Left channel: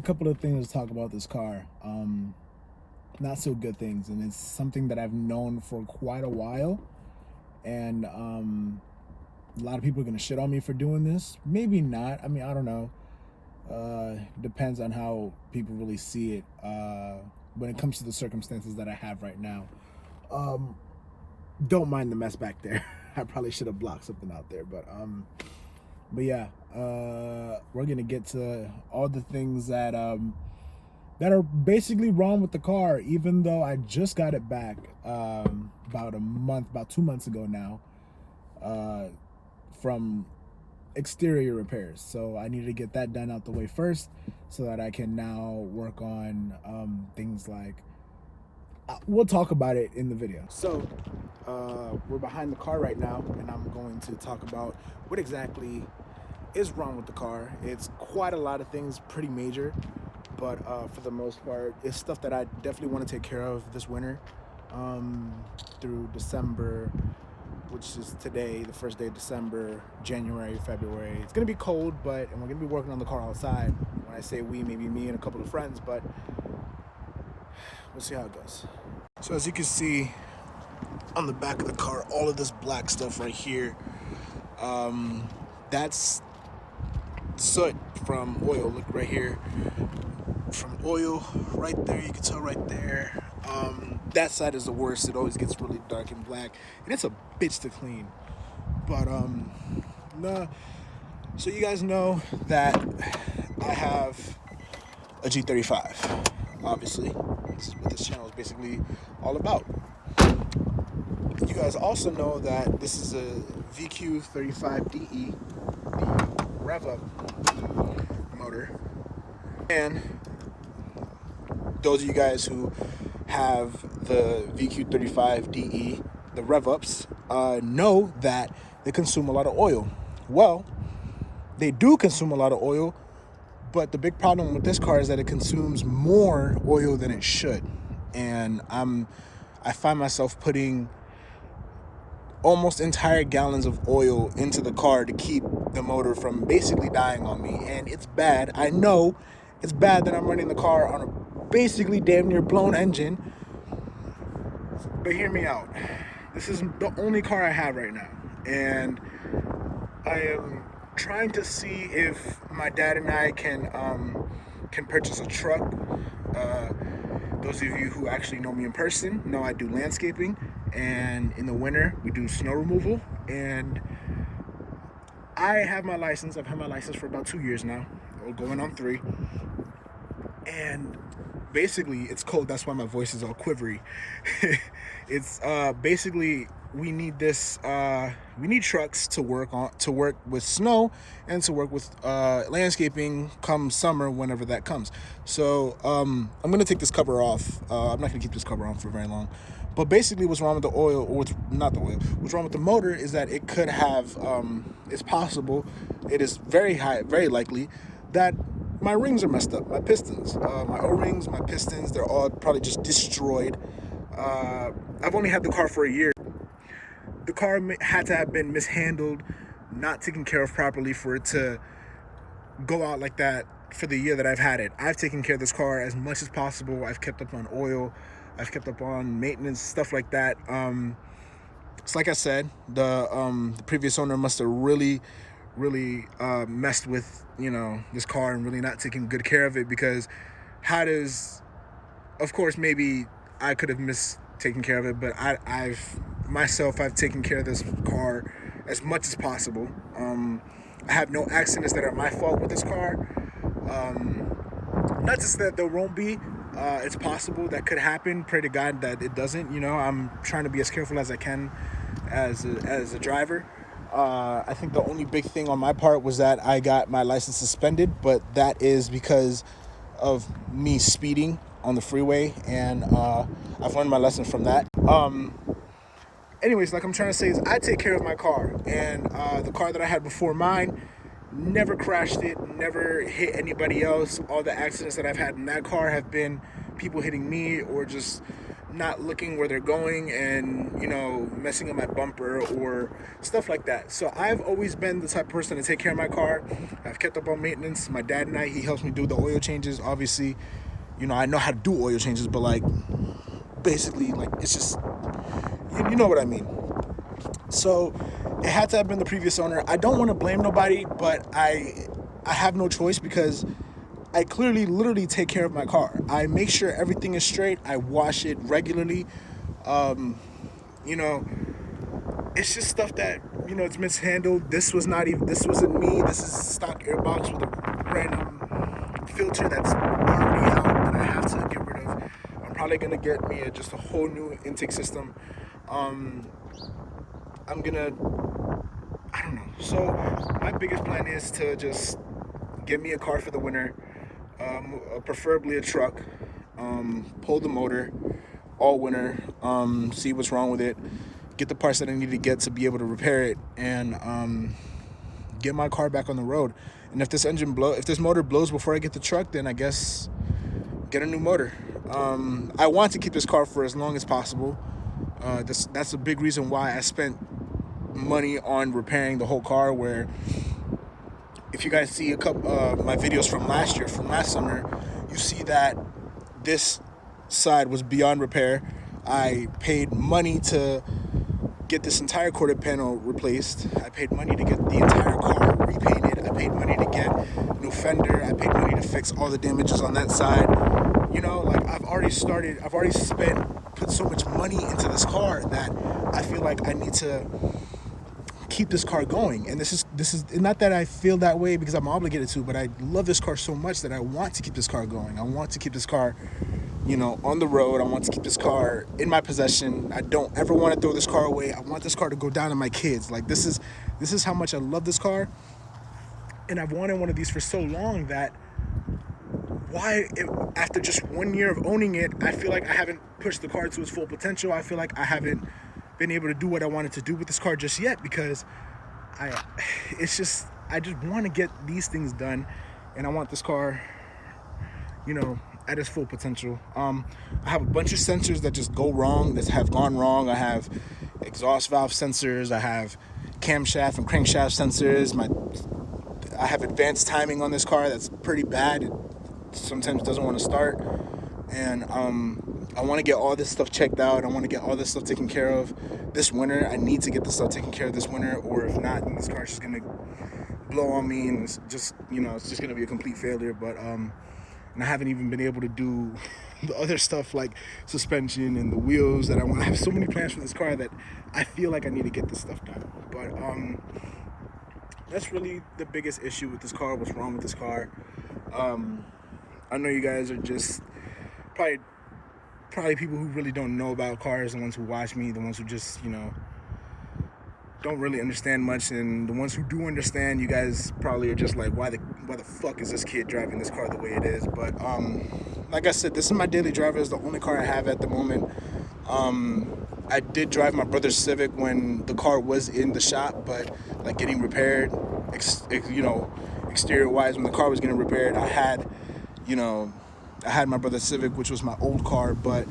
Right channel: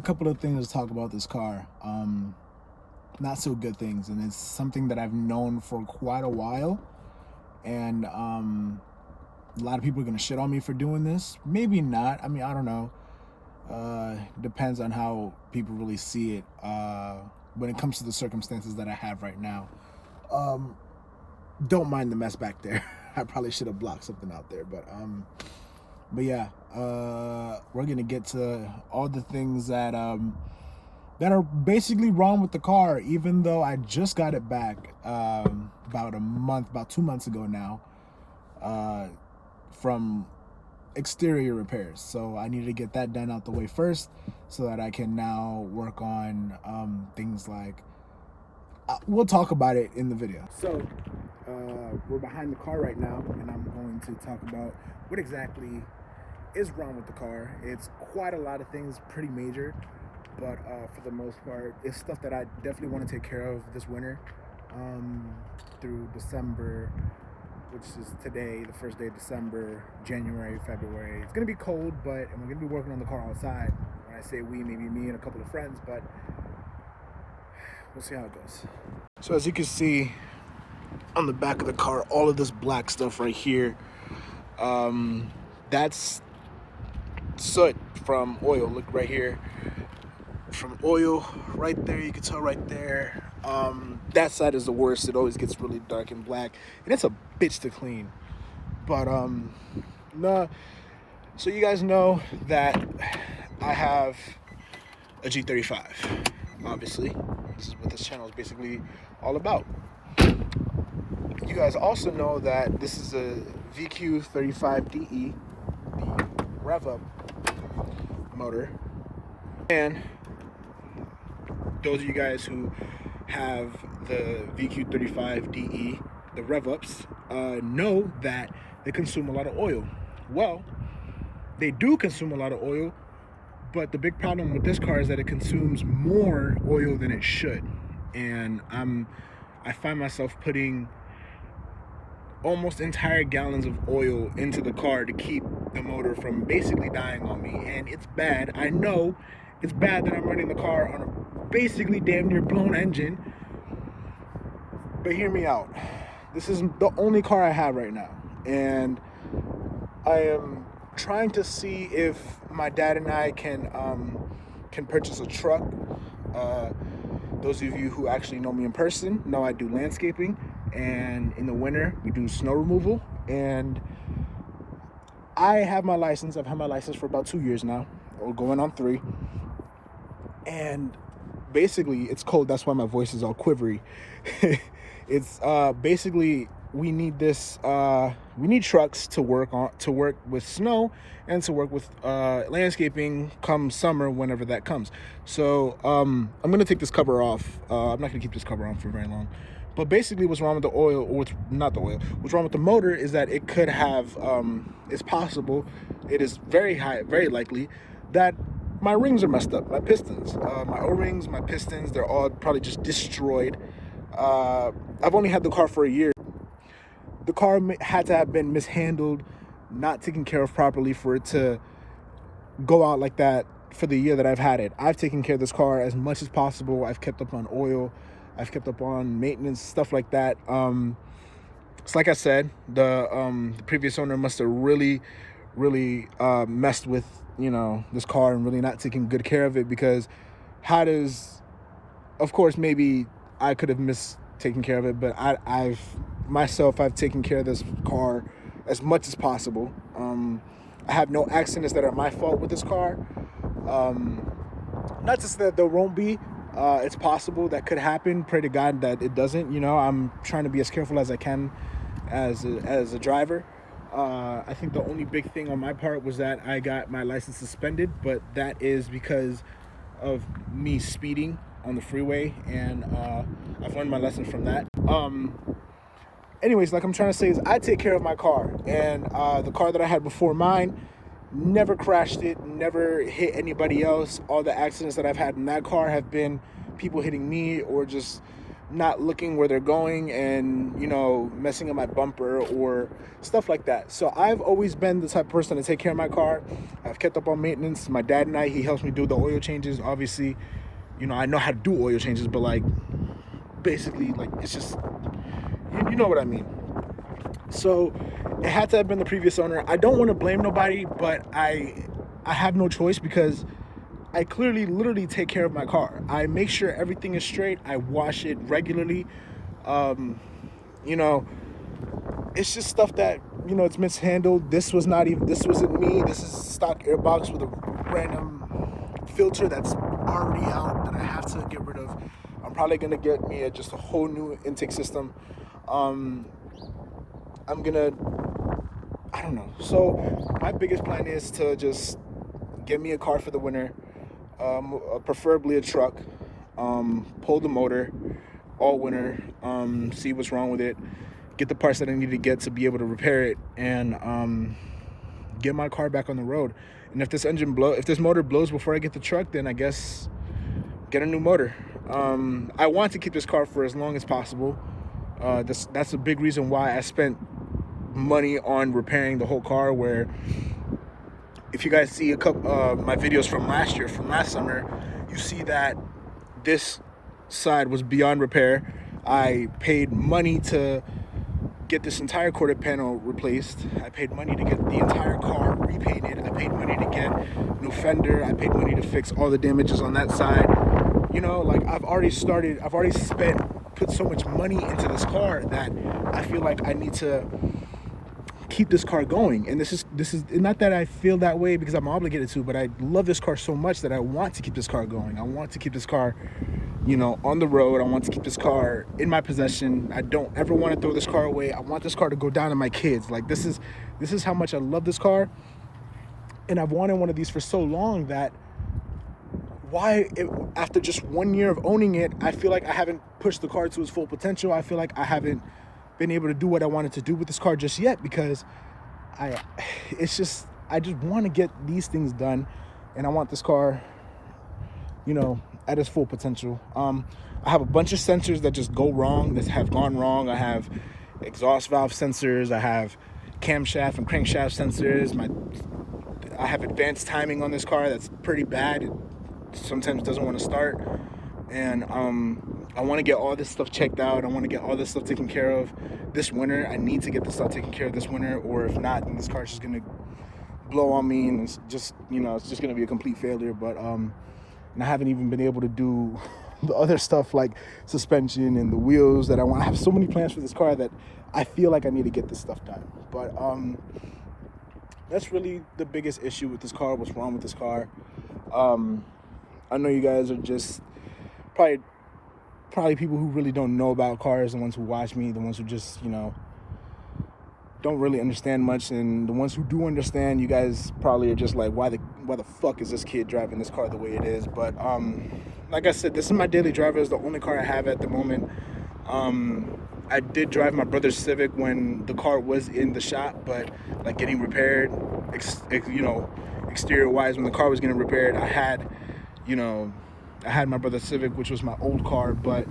a couple of things to talk about this car. Not so good things, and it's something that I've known for quite a while. And a lot of people are gonna shit on me for doing this. Maybe not. I mean, I don't know. Depends on how people really see it. When it comes to the circumstances that I have right now, don't mind the mess back there. I probably should have blocked something out there, but yeah, we're gonna get to all the things that that are basically wrong with the car, even though I just got it back about 2 months ago now, from exterior repairs. So I need to get that done out the way first, so that I can now work on things like we'll talk about it in the video. So we're behind the car right now, and I'm going to talk about what exactly is wrong with the car. It's quite a lot of things, pretty major, but for the most part, it's stuff that I definitely want to take care of this winter, through December, which is today, the first day of December, January, February. It's gonna be cold, and we're gonna be working on the car outside. When I say we, maybe me and a couple of friends, but we'll see how it goes. So as you can see on the back of the car, all of this black stuff right here, that's soot from oil. Look right here, from oil right there. You can tell right there. That side is the worst. It always gets really dark and black, and it's a bitch to clean. But nah. So you guys know that I have a G35. Obviously, this is what this channel is basically all about. You guys also know that this is a VQ35DE, the rev-up motor. And those of you guys who have the VQ35DE, the rev-ups, know that they consume a lot of oil. Well, they do consume a lot of oil, but the big problem with this car is that it consumes more oil than it should. And I find myself putting almost entire gallons of oil into the car to keep the motor from basically dying on me. And it's bad. I know it's bad that I'm running the car on a basically damn near blown engine, but hear me out. This is the only car I have right now, and I am trying to see if my dad and I can purchase a truck. Those of you who actually know me in person know I do landscaping, and in the winter we do snow removal. And I have my license. I've had my license for about 2 years now, or going on 3. And basically, it's cold. That's why my voice is all quivery. It's basically, we need this. We need trucks to work with snow and to work with landscaping come summer, whenever that comes. So I'm gonna take this cover off. I'm not gonna keep this cover on for very long. But basically, what's wrong with the oil, or not the oil? What's wrong with the motor is that it could have. It's possible. It is very likely that my rings are messed up. My pistons, my O-rings, my pistons, they're all probably just destroyed. I've only had the car for a year. The car had to have been mishandled, not taken care of properly for it to go out like that for the year that I've had it. I've taken care of this car as much as possible. I've kept up on oil. I've kept up on maintenance, stuff like that. It's like I said, the previous owner must have really messed with, this car, and really not taking good care of it, because of course, maybe I could have missed taking care of it, but I've taken care of this car as much as possible. I have no accidents that are my fault with this car. Not just that there won't be. It's possible that could happen. Pray to God that it doesn't. I'm trying to be as careful as I can as a driver. I think the only big thing on my part was that I got my license suspended, but that is because of me speeding on the freeway, and I've learned my lesson from that. Anyways, like I'm trying to say is, I take care of my car, and the car that I had before mine never crashed it, never hit anybody else. All the accidents that I've had in that car have been people hitting me, or just not looking where they're going and, you know, messing up my bumper or stuff like that. So I've always been the type of person to take care of my car. I've kept up on maintenance. My dad and he helps me do the oil changes. Obviously, you know, I know how to do oil changes, but like basically like it's just, you know what I mean. So it had to have been the previous owner. I don't want to blame nobody, but I have no choice because I clearly literally take care of my car. I make sure everything is straight. I wash it regularly. You know, it's just stuff that, you know, it's mishandled. This wasn't me. This is stock airbox with a random filter that's already out that I have to get rid of. I'm probably gonna get me just a whole new intake system. I'm gonna, I don't know. So my biggest plan is to just get me a car for the winter, preferably a truck, pull the motor all winter, see what's wrong with it, get the parts that I need to get to be able to repair it, and get my car back on the road. And if this motor blows before I get the truck, then I guess get a new motor. I want to keep this car for as long as possible. That's a big reason why I spent money on repairing the whole car. Where if you guys see a couple my videos from last summer, you see that this side was beyond repair. I paid money to get this entire quarter panel replaced. I paid money to get the entire car repainted. I paid money to get new fender. I paid money to fix all the damages on that side. You know, like I've already put so much money into this car that I feel like I need to keep this car going. And this is not that I feel that way because I'm obligated to, but I love this car so much that I want to keep this car going. I want to keep this car, you know, on the road. I want to keep this car in my possession. I don't ever want to throw this car away. I want this car to go down to my kids. Like this is how much I love this car. And I've wanted one of these for so long that after just 1 year of owning it, I feel like I haven't pushed the car to its full potential. I feel like I haven't been able to do what I wanted to do with this car just yet because I just want to get these things done, and I want this car, you know, at its full potential. I have a bunch of sensors that just go wrong, that have gone wrong. I have exhaust valve sensors. I have camshaft and crankshaft sensors. I have advanced timing on this car that's pretty bad. It sometimes doesn't want to start, and I want to get all this stuff checked out. I want to get all this stuff taken care of this winter. I need to get this stuff taken care of this winter, or if not, then this car's just gonna blow on me, and it's just, you know, it's just gonna be a complete failure. But and I haven't even been able to do the other stuff like suspension and the wheels that I want. I have so many plans for this car that I feel like I need to get this stuff done. But that's really the biggest issue with this car. What's wrong with this car? I know you guys are just probably people who really don't know about cars, the ones who watch me, the ones who just, you know, don't really understand much, and the ones who do understand, you guys probably are just like, why the fuck is this kid driving this car the way it is? But like I said, this is my daily driver. It's the only car I have at the moment. I did drive my brother's Civic when the car was in the shop, but like getting repaired, you know, exterior wise, when the car was getting repaired, I had my brother's Civic, which was my old car, but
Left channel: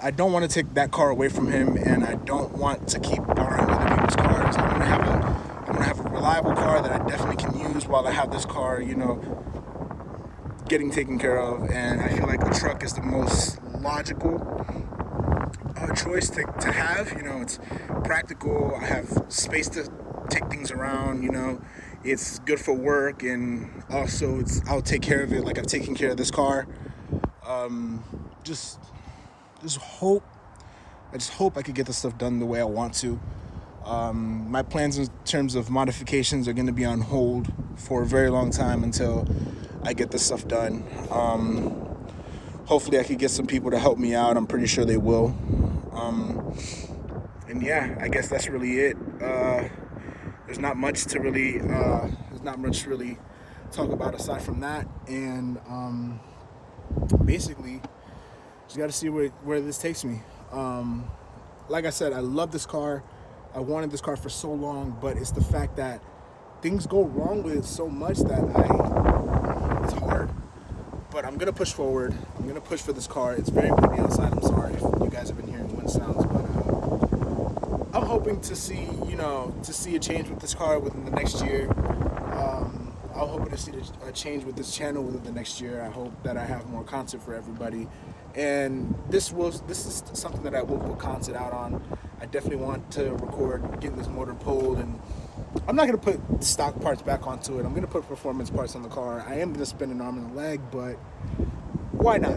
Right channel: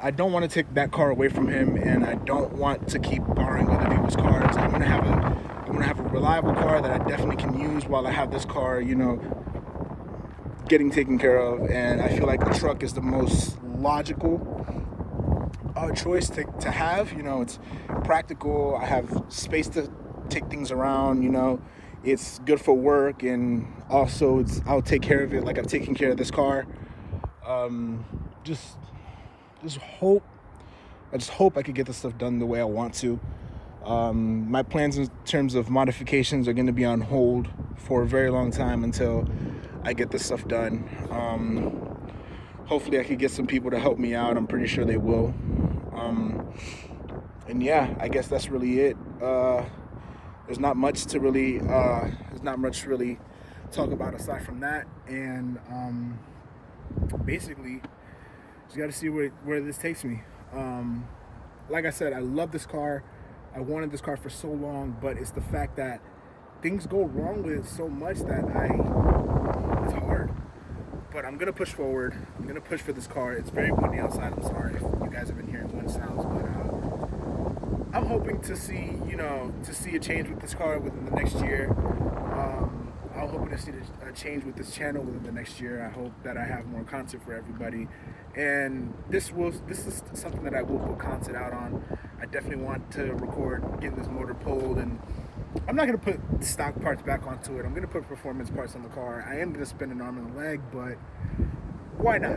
I don't want to take that car away from him, and I don't want to keep borrowing other people's cars. I want to have a reliable car that I definitely can use while I have this car, you know, getting taken care of. And I feel like a truck is the most logical choice to have. You know, it's practical. I have space to take things around, you know. It's good for work, and also I'll take care of it like I've taken care of this car. I just hope I could get this stuff done the way I want to. My plans in terms of modifications are going to be on hold for a very long time until I get this stuff done. Hopefully I could get some people to help me out. I'm pretty sure they will. And yeah, I guess that's really it. There's not much really talk about aside from that. And basically, just got to see where this takes me. Like I said, I love this car. I wanted this car for so long, but it's the fact that things go wrong with it so much that it's hard. but I'm gonna push forward. I'm gonna push for this car. It's very windy outside. I'm sorry if you guys have been hearing wind sounds, but I'm hoping to see, to see a change with this car within the next year. I'm hoping to see a change with this channel within the next year. I hope that I have more content for everybody, and this is something that I will put content out on. I definitely want to record getting this motor pulled, and I'm not gonna put stock parts back onto it. I'm gonna put performance parts on the car. I am gonna spend an arm and a leg, but why not?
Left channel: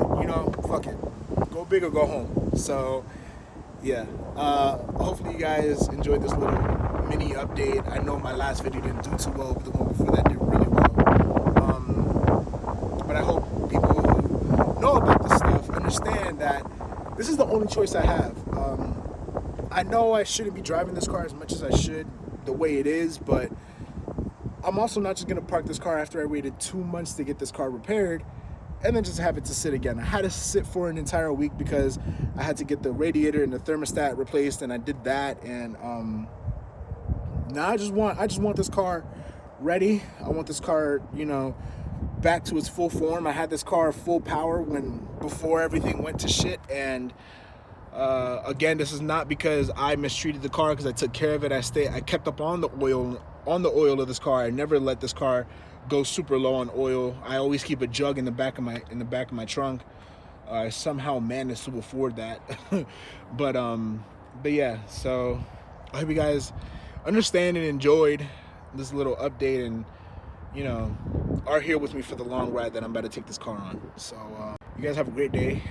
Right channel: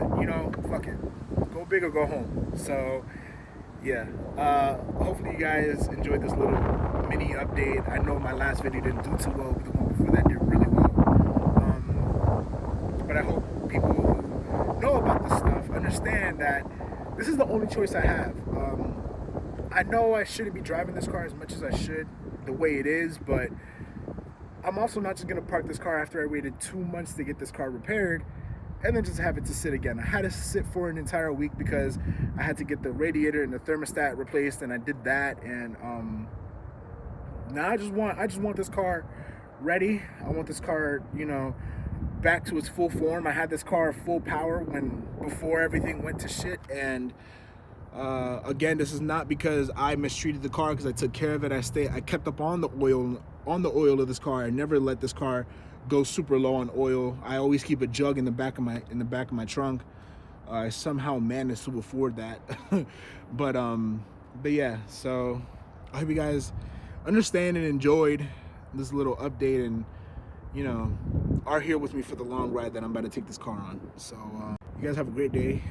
Fuck it. Go big or go home. So yeah, hopefully you guys enjoyed this little mini update. I know my last video didn't do too well, but the one before that did really well. But I hope people who know about this stuff understand that this is the only choice I have. I know I shouldn't be driving this car as much as I should the way it is, but I'm also not just gonna park this car after I waited 2 months to get this car repaired and then just have it to sit again. I had to sit for an entire week because I had to get the radiator and the thermostat replaced, and I did that. And now I just want this car ready. I want this car, back to its full form. I had this car full power before everything went to shit, and again, this is not because I mistreated the car, because I took care of it. I kept up on the oil of this car. I never let this car go super low on oil. I always keep a jug in the back of my trunk. I somehow managed to afford that. but yeah, so I hope you guys understand and enjoyed this little update, and are here with me for the long ride that I'm about to take this car on. So you guys have a great day.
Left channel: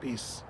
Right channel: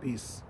Peace.